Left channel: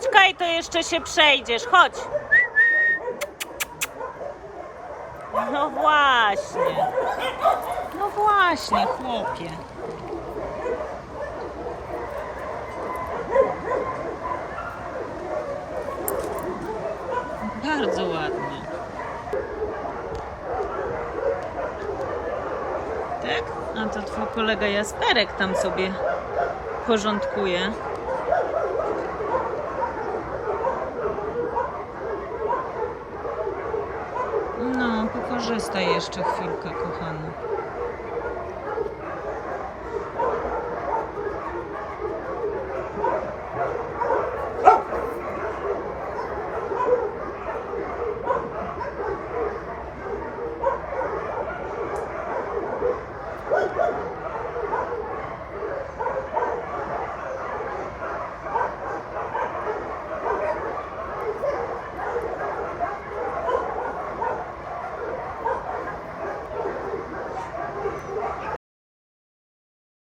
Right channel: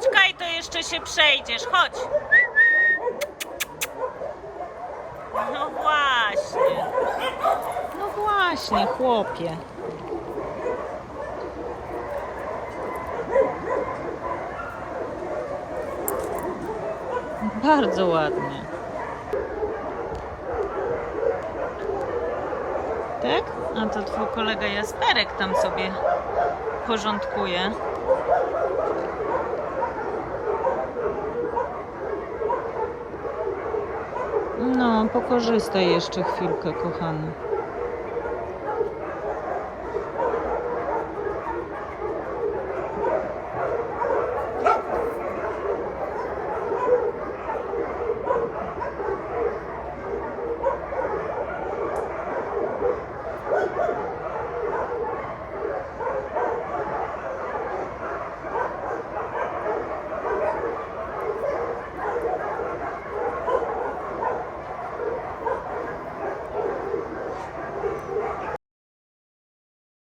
chodź Kaj, to jeszcze się przejdziesz, chodź. No właśnie. No właśnie, chłopie. Bardzo ładnie. Tak? A to twój kolega Jasperek tam sobie porządkuje. No, pokorzystaj jeszcze chwilkę, kochany.